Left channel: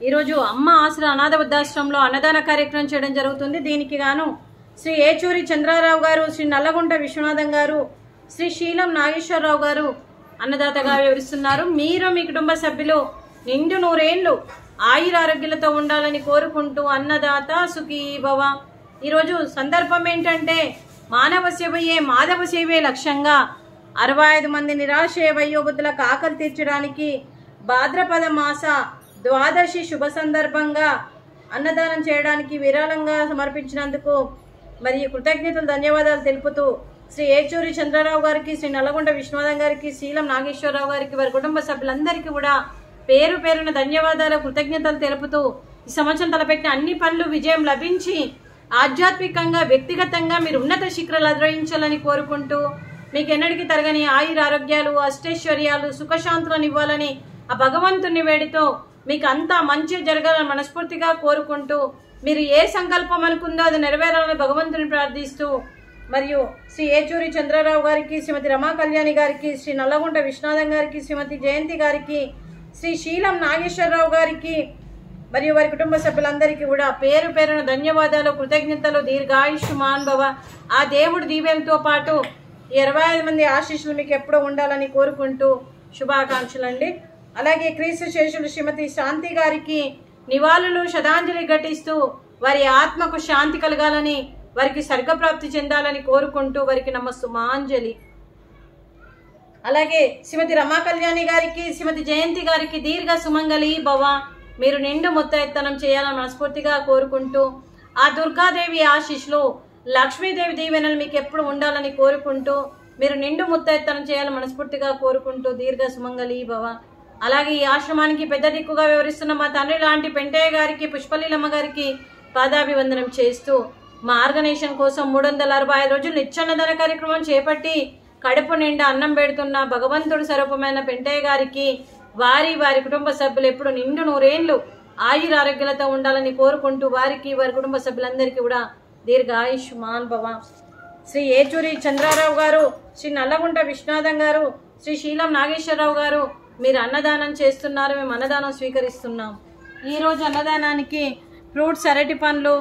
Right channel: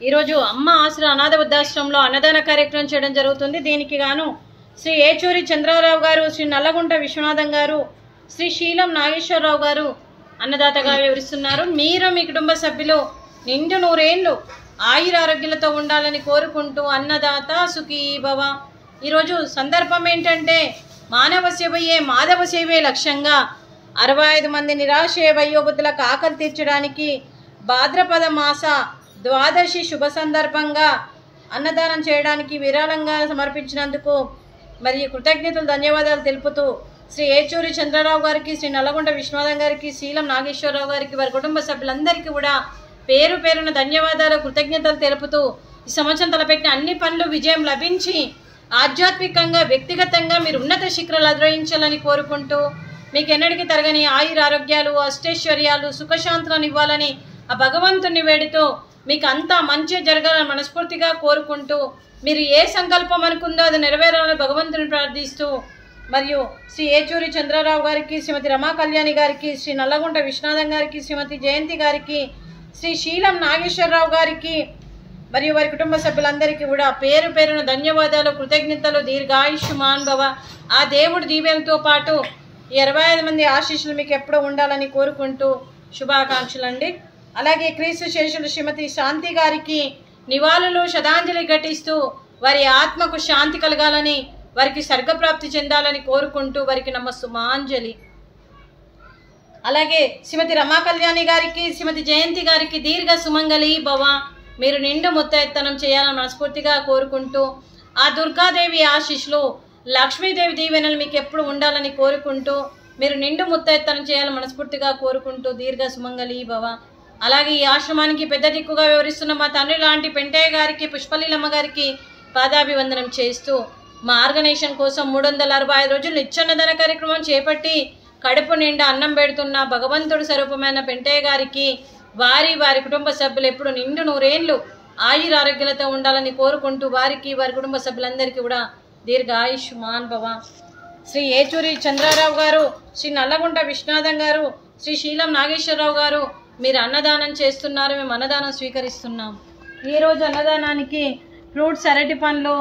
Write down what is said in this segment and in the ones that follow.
ఈరోజు అమ్మ ఆసరా అనాథ వృద్ధాశ్రమంలో అన్నదాన కార్యక్రమం చేయడం జరుగుతుంది. దీనికి గాను శ్రీ ఏచూరి చంద్రారావు గారు, శ్రీ నల్లగుంట విశ్వనాథం గారు, శ్రీ శీలం నాగేశ్వరరావు గారు అన్నదాతగా వివరిస్తున్నారు. మీరు మీ కుటుంబ సభ్యులు నిండు నూరేళ్లు ఆయురారోగ్యాలతో ఉండాలని కోరుకుంటూ అన్నదాత సుఖీ భవ. ఈరోజు సందర్భం ఏంటంటే మానవ సేవయే మాధవ సేవే లక్ష్యంగా 65 మంది నిరాశ్రయ వయోవృద్ధులకు ఆకలి తీర్చడానికి భాద్రపద మాస ద్వాదశి శుభ సందర్భంగా అన్నదానం చేయడానికి విరాళంగా సమర్పించినందుకు మరియు కృతజ్ఞతలు ధన్యవాదాలు తెలుపుతూ శ్రీ ఏచూరి చంద్రరావు గారికి, శ్రీ నల్లగొండ విశ్వనాథం గారికి, శీలం నాగేశ్వరరావు గారికి, వారి కుటుంబ సభ్యులందరికీ కూడా పేరు పేరున ధన్యవాదాలు కృతజ్ఞతలు తెలుపుతూ ఈ సంవత్సరం తలపెట్టిన అన్ని పనులు విజయం లభించి ఆధ్యాత్మికంగా వ్యక్తిగతంగా మీరు ఉన్నత శిఖరాలు అధిరోహించాలని కోరుకుంటూ మీకు ఎన్నటికీ తరగని ఆయుర ఆరోగ్యాలు, అష్టైశ్వర్యాలు, సుఖశాంతులను ఇవ్వాలని ఆ భగవంతుని వేడితో మీకు అంతా మంచి జరగాలని మనస్ఫూర్తిగా కోరుకుంటూ మీరు ఏ సంకల్పం అనుకుందో అది నెరవేరాలని భగవంతుని ప్రార్థిస్తూ మరియు శ్రీ ఏచూరి చంద్రరావు గారికి, శ్రీమతి రమా కళ్యాణి గారికి, శ్రీ నల్లగుంట విశ్వనాథం గారికి, శ్రీమతి జయంతి గారికి, శ్రీ శీలం నాగేశ్వరరావు గారికి మరియు వారి కుటుంబ సభ్యులందరికీ కూడా పేరు పేరున ధన్యవాదాలు, కృతజ్ఞతలు, దీర్ఘాయుష్మాన్ భవ. ఆ దేవుడి దీవెనతో పాటు 25 మంది ఆశీస్సులు మీకు ఎప్పుడూ ఉండాలని కోరుకుంటూ శుభాకాంక్షలు అండి. అలాగే క్రీస్తు శేషులు శ్రీమతి శాంతి గారికి నివాళులు శ్రద్ధాంజలి ఘటిస్తూ వారి ఆత్మకు శాంతి కలగాలని, వారికి స్వర్గప్రాప్తి చెందాలని కోరుకుంటూ వారికి నమస్సుమాంజలి. అలాగే శ్రీమతి రమా కళ్యాణి గారికి, శ్రీమతి జయంతి గారికి దీర్ఘ సుమంగళి భవ. మీరు నిండు ముత్తైత్తనం చేయాలని మనస్ఫూర్తిగా కోరుకుంటూ ఆ దుర్గాదేవి ఆశీస్సులు, లక్ష్మీదేవి దీవెనలు మీకు ఎప్పుడు ఉండాలని కోరుకుంటూ మీరు నిండు ముత్తైత్తనం చేయాలని మనస్ఫూర్తిగా కోరుకుంటూ దీర్ఘ సుమంగళి భవ. అలాగే ఈ ఆశ్రమానికి పెద్ద దిక్కుగా వివరిస్తున్న మా తండ్రి లాంటి పెంటయ్య గారికి, పుష్పలీలమ్మ గారికి పాదాభివందనం చేస్తూ మా ఆర్గనైజేషన్ కోసం 365 రోజులు నిత్యాన్నదాన కార్యక్రమం చేపట్టి కడుపు నిండా అన్నం పెడుతున్న భగవంతుడు స్వరూపమైన పెంటయ్య గారికి, వారి కుటుంబ సభ్యులు ఎప్పుడు నిండు నూరేళ్లు ఆయుర ఆరోగ్యాలతో ఉండాలని కోరుకుంటూ వారికి, వారి కుటుంబ సభ్యులందరికీ కూడా దీర్ఘాయుష్మాన్ భవ. శ్రీ ఏచూరి చంద్రారావు గారు, శ్రీ నల్లగుంట విశ్వనాథం గారు, శ్రీ శీలం నాగేశ్వరరావు గారు మీరు అన్నదానం చేస్తున్నారు, మేము అన్నదానం స్వీకరిస్తున్నాం. ఈరోజు అన్నదానానికి ఫ్రూట్స్, అరటి పండ్లు,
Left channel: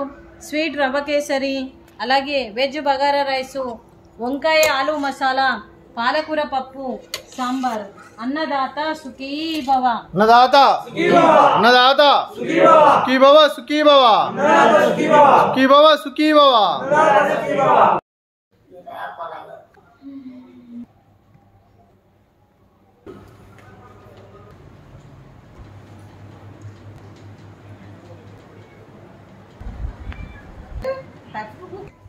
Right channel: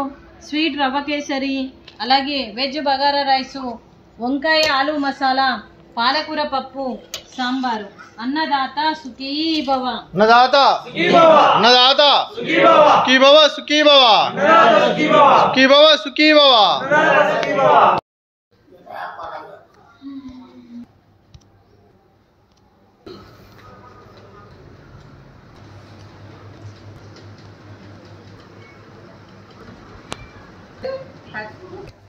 స్వీట్ రవ్వ కేసరి, అలాగే వెజ్ బగారా రైసు, వంకాయ ఆలు మసాలా, పాలకూర పప్పు, సాంబారు. అన్నదాత సుఖీ భవ. అన్నదాత సుఖీ భవ. అన్నదాత సుఖీ భవ. సుఖీ భవ, సుఖీ భవ. సుఖీ భవ, సుఖీ భవ. That's